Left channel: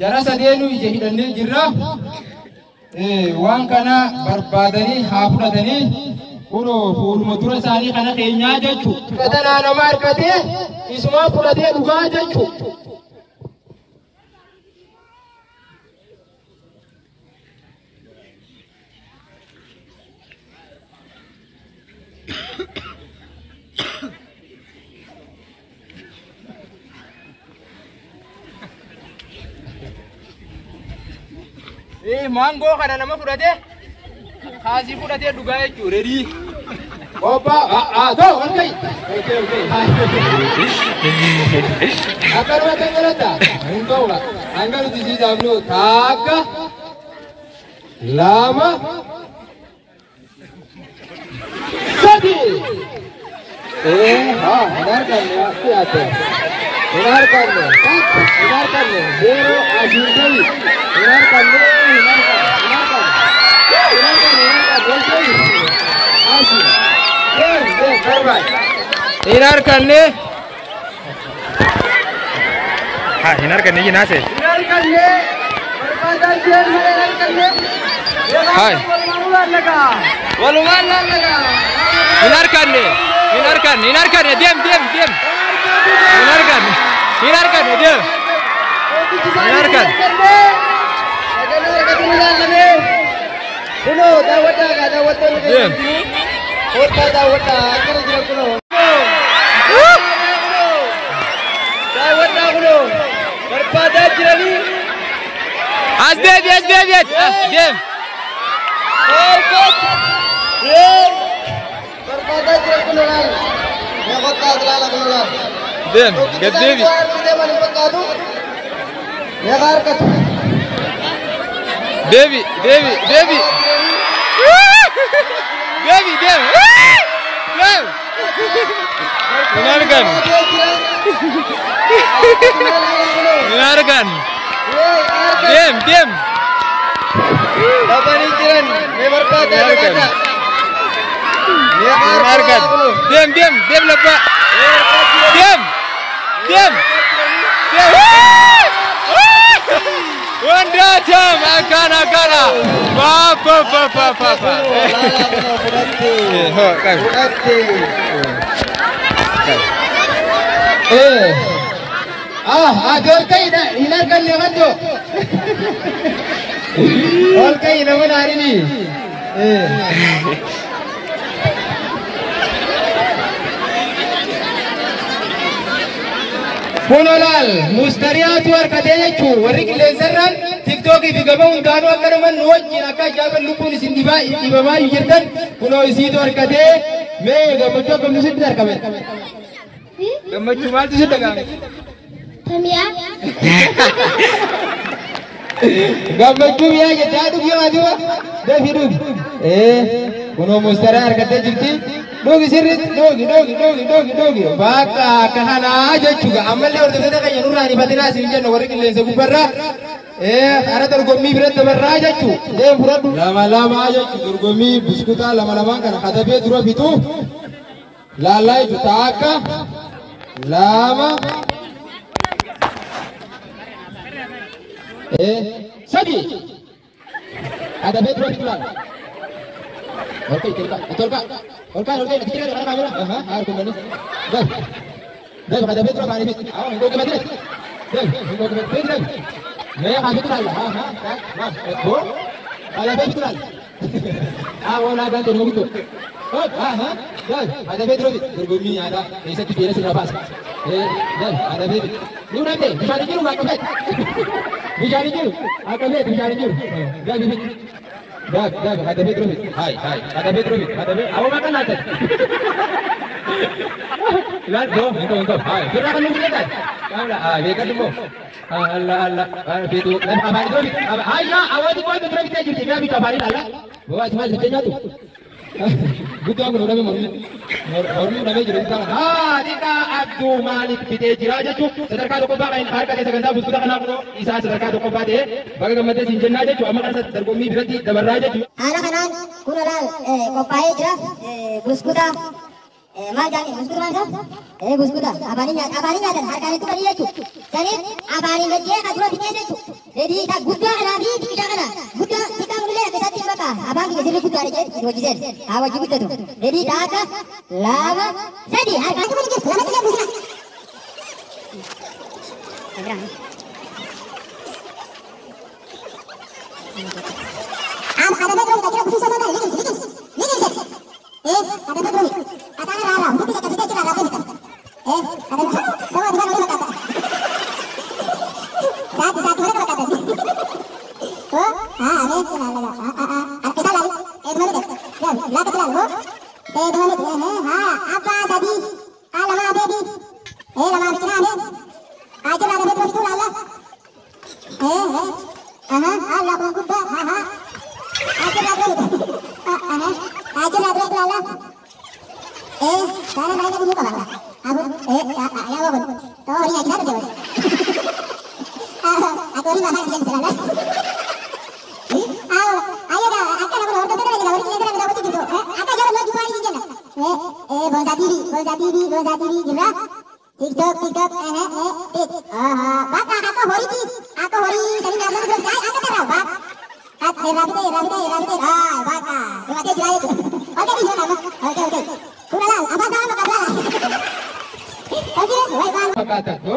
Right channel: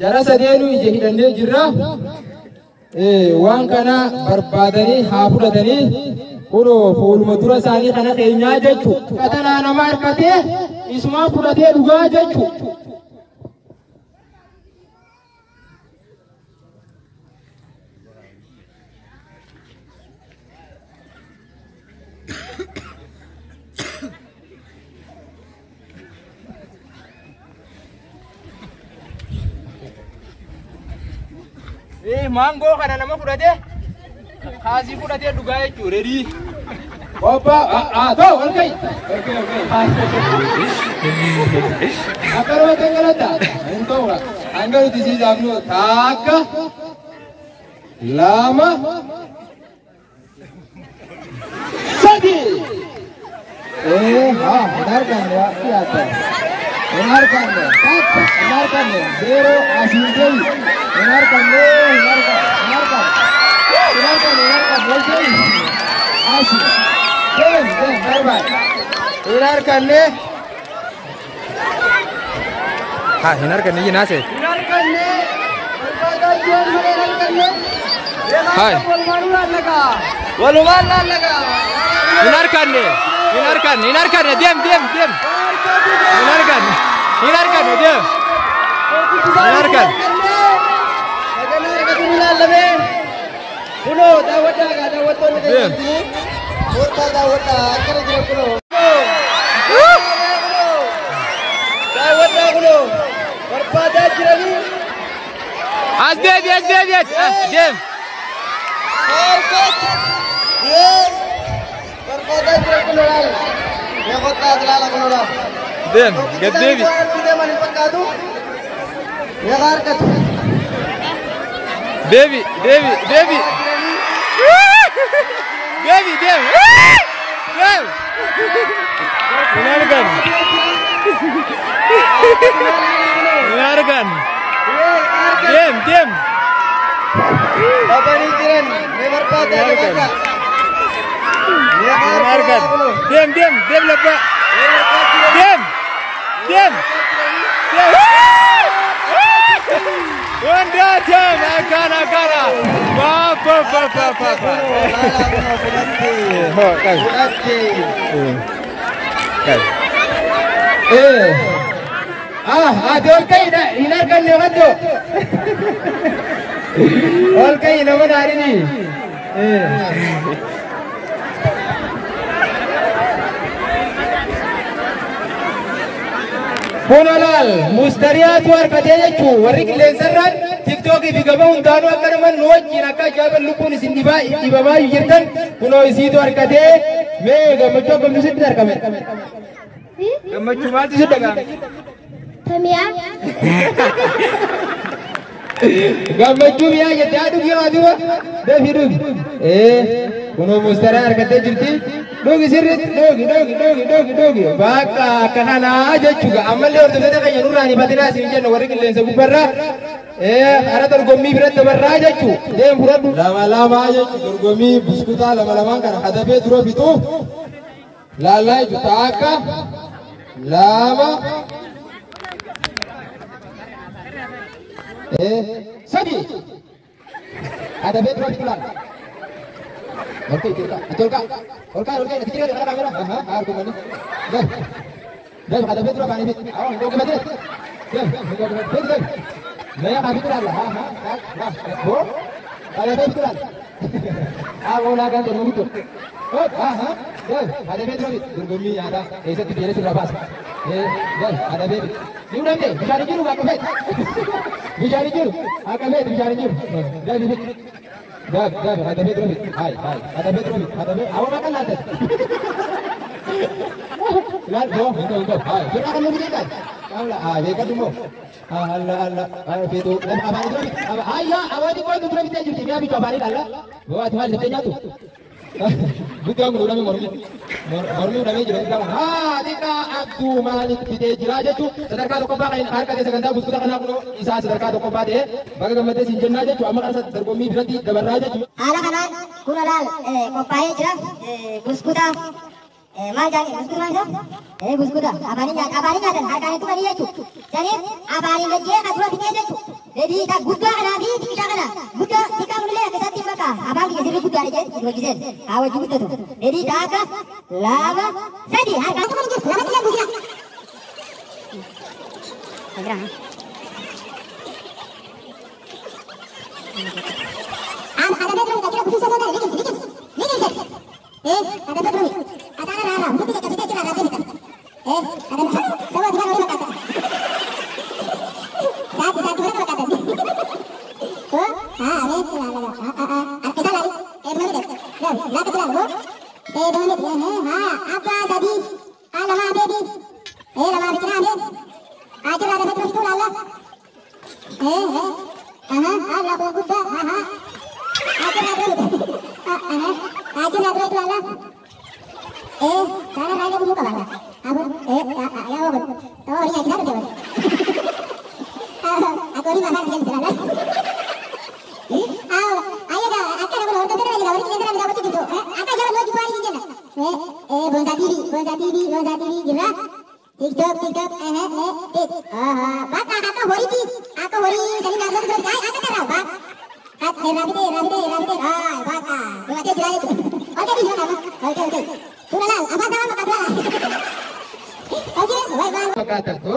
jara sadeenu ija hidhannee jirra. Waan kana barbaadanii haa fudhatanii kunoo fuuluma dura isaanii kana keenyaa jechuudha. Fudhatanaa nama harkatee isumaa fudhatee dhugaa jechuudha. Mango kana nama fudhate kaasii fudhatee dhugaa jechuudha. Reedii Opa toh okay. Akarona tengalata engkau lah anggar di sini dulu taka lama sadi benarkan ya siapa benarkan ya zero asyik benarkan hinarkan nih. Ha, hinarkan nih nase. Hai. Waluman laga. Hinarkan nih. Hinarkan nih, diam. Hinarkan nih, diam. Hinarkan. Diam. Asbeb. Diam. Diam, Gaddevi. Devi. Devi, diam. Diam. Hinarkan. Diam. Hinarkan. Diam lepak. Diam. Wanda jam akana. Papa. Adol kayak dah hinarkan lewat tu. All kayak nama hari ni. Punolal mustariat war katanya cu warik leseran TikTok ibi gaba undano akan menuat jinaka jaban lupun sindiba ibaba yirtan puno isi tu war katanya me gamacu gamusit dar kami gamacu mal tu sudah kami Tamia gamacu ya jadi adu gimana dah hidup puno mustariat katanya jadi dogi sirit dogi baka kahana aja juga amal le orda kada kaya nurani patina sinja no warik le sabu barra ana tergomi birat barra aja cu dem furat lama aja cu tergomi biskuta lama kana kada be duro bitu lalai jutaka lama sadi ada be duro bitulan. Oke, betul kak. Kecil ada kamera. Aku mana? Dah, ada betul kak ini. Awak mau ke betul? Betul. Saya kasih tu lah. Mas, betul. Ada betul lah. Awak nak kan tunggu itu. Dah, ada betul. Terbumi ada. Esok tu dia sudah pas. Dah, ada betul. Ni udah deh. Bicara juru, aku bet. Bicara juru. Akan bet, bicara juru. Dah, betul. Dah, ada betul. Hai, ada betul. Awak makan ada. Lihat dong, itu. Hai, kita akan lebih dekat. Kamera, dekat dulu. Allah, itu. Abang itu. Ayah, awak itu kau betul kita jadi kami kabarin Allah. Wah, itu ada tanya tu. Betul aku orang Mormi ramai jadi kalau. Dika Abdul Malik kita jiraja tu. Sedekah toko bagai harga desa ganda bus kita kena kuno. Isa sedekah toko bade. Bagaimana mata sinjen aja tu. Amak rasa tergomi berarti dabar raja tu. Anak-anak kunadal kopai jira bus kita mal jangan bus kita mana? Bus kita. Abani ada harga itu kali itu. Jadi abani kerja kadang kita itu. Jadi tak buka lagi kita kena. Buka kita boleh ke satu belakang. Abang kita sini buka aja dua gizen. Awak juga tu. Jadi kakak lama jadi. Aku pun juga lama tidak buka. Agrang. Ada betul kita khusus saja. Ini. Ada betul. Ada rara. Mungkin kita kita rara kita. Ada semua tuan boleh kata. Satu boleh kata. Oh, ini kenal. Kita lagi. Mana deh? Ya, nak kita lalu. Mana? Apa tadi? Lama baby. Lama bikin apa? Aja ada betul itu lala. Allah bangku dah. Aja ada betul. Aja ada betul lala. Sana naik buka lala. Aku, ya aku. Tahu ni aja ada. Aku ni mana dia lala. Ayo dah, akan aku orang tu lagi dah. Orang ni dah betul gitu. Akan jalan lagi pagi je nak. Bonza TV, gimana? TikTok, bak aku hori ti, tadi nak lalu berjaya, aku tak tahu bak. Rabi, bak, tu aja jelas itu. Okey di sana, okey. Kurang, apa dah makan dah. Okey, baik. Kata tu,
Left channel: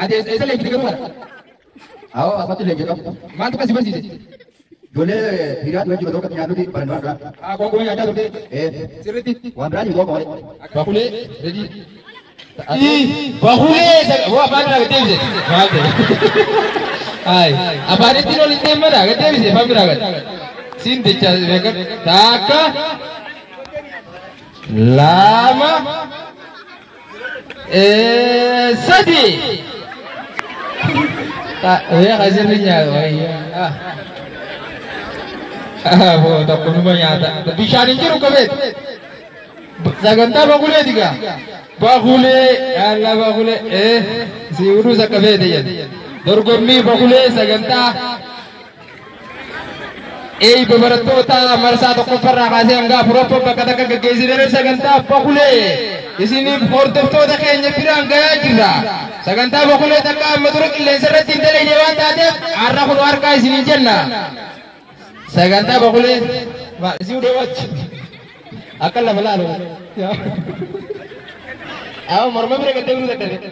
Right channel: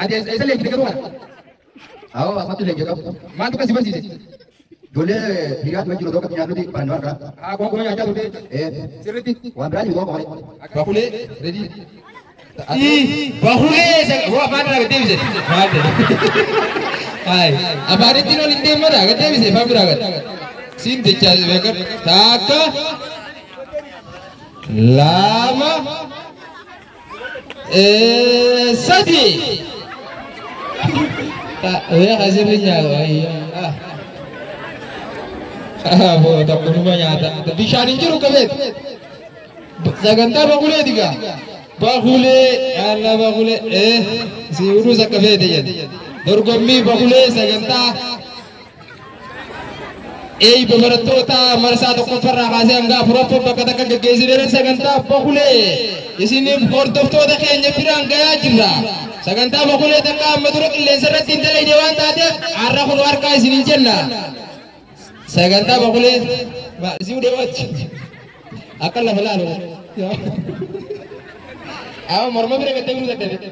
ada lagi kita keluar. Aw, apa tu lagi kamu? Mantu kasih bersih. Dole, tidak dua kilo dokat nyatu di pandang kan? Kau yang ada tu. Seriti. Wan berani kau kau. Bakule, ready. Bakule, wah mana lagi tim je? Hai, apa ni tino tim mana? Lagi tim je, faham tak? Sin dicat, beker, taka, lama, sadi. Tak, ya kasih linya, वो तो कुछ में आता है तो दिशानी क्यों कबे जगंता बगुले दिखा बगुले अल्लाह बगुले सिउरु सा कबे दिया दुर्गमी बगुले जगंता beberapa ta merasa to kufar rahasia enggak propo katakan ke gesire jaganta bagule di sini porto to da kenya pirang gaya jira jaganta bagule taka maduruk ille saratin dele dewan tade arra khulwar ka sini janna Saganta bakule, mak si udah wajib. Akal lah melalu. Aw, morma mereka tengok tak ada.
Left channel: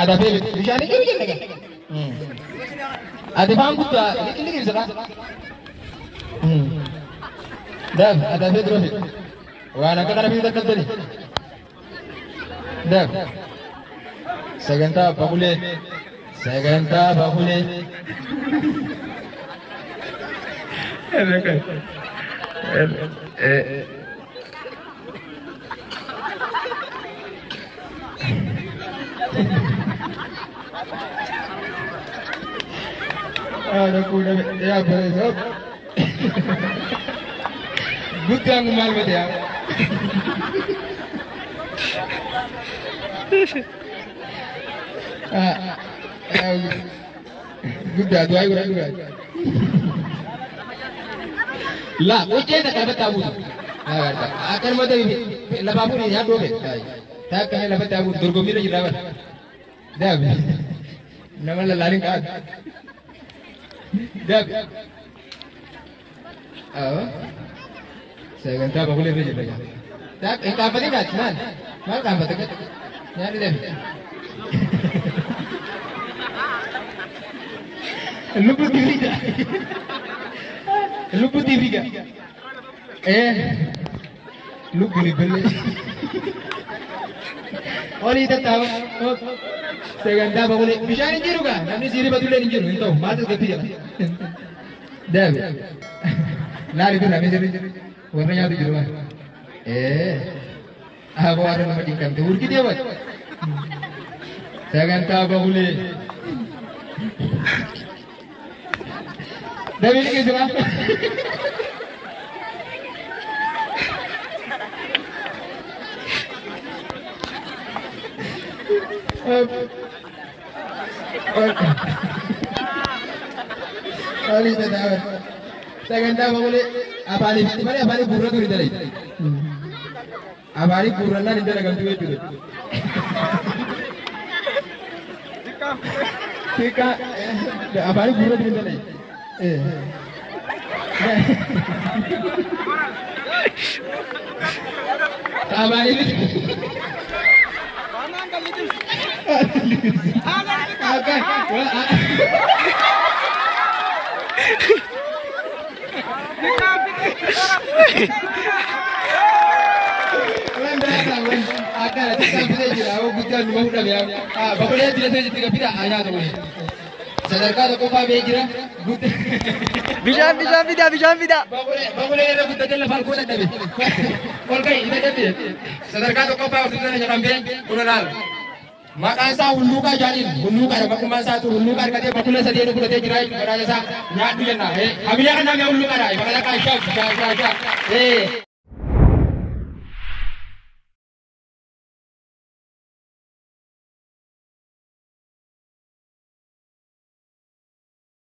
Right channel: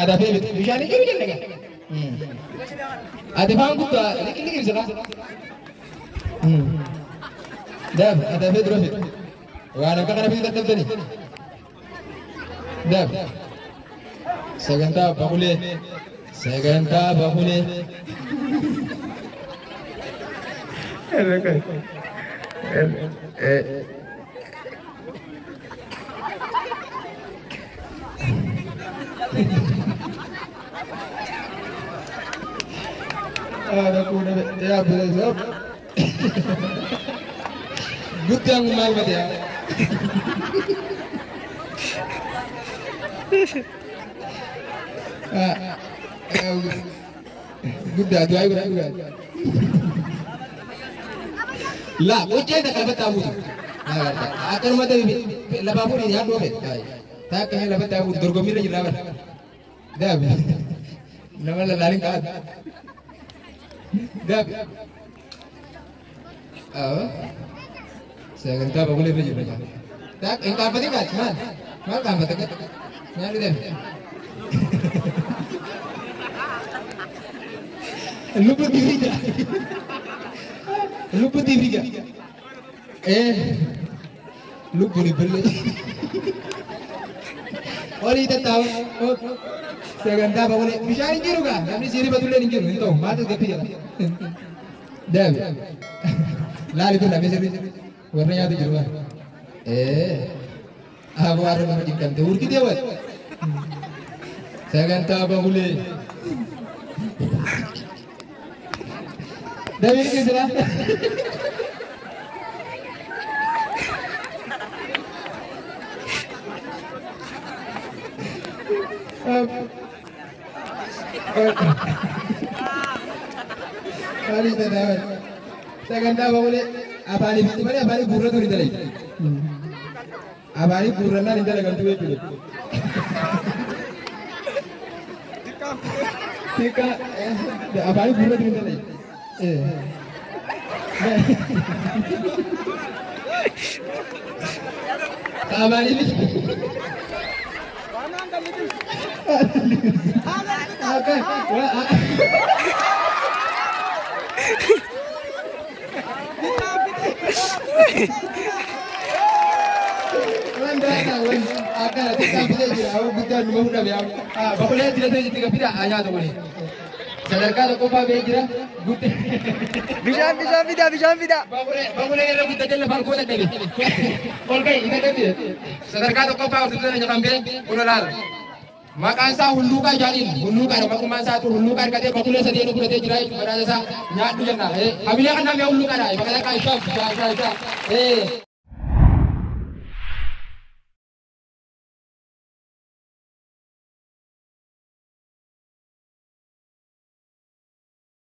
Ada beli. Dijani kiri kiri. Ada bangku tu, kiri kiri sana. Dah, ada beli berapa? Wah, nak kena beli tak kau ni. Dah. Saganta bakule. Saganta bakule. Aku dah ya beres. Gudang mal betul. Gudang dua juga. Lah, ujian tak dapat tahu. Akan mata ini, lebapu ni ya dua. Tak kena lebat tahu. Durgomi ni jerawat. Dah. Nama lain kan. Dah. Saya kata apa boleh belajar. Tak, engkau apa ni kat man? Mana kamu tak? Nyari deh. Lupa TV tak? Lupa TV kan? Lupa beli. Orang itu tahu. Saya kata apa boleh? Bisa ni jiru kan? Kami sini betul ni jiru. Itu mata kepi ya. Dah. Lari tu kami sini. Warnanya tu jiru kan? Aku ada nama tingkam tu. Urki dia buat. Saya kata apa boleh? Dah ini ke sana? Kali benar. Saya kata apa boleh? Apa ni? Apa ni buruk tu di dalam? Apa ni buruk na di dalam kantor itu? Tika, apa ini bulat gitu nih? Sama ini. Oke. Sadarkaa qofaa bee jira. Bishaan fidaa. Baqulee irra guddatee lafaan koo dadhabe. Ol ka'i hin dadhabne. Sadarkaa qofaa horsiisee nyaaphamee kun laal. Maqaan isaa hulluuqaa jaaniin hulluuqaadha maqummaan isaatu hulluuqaa hirkatee baqulee sadii fudhatee jira jechuudha. Badhaasa isaa nyaadhu jenna. Hamilee kan namni hulluuqaadha. Bakka takkaa ishaa.